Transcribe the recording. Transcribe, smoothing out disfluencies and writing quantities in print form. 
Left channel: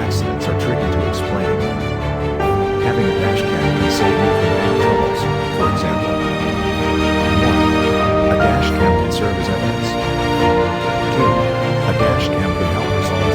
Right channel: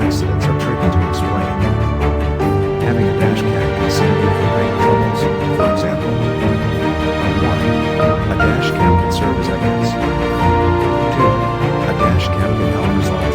accidents are tricky to explain. Having a dash cam can save you from big troubles, for example. 1. A dash cam can serve as evidence. 2. A dash cam can help resolve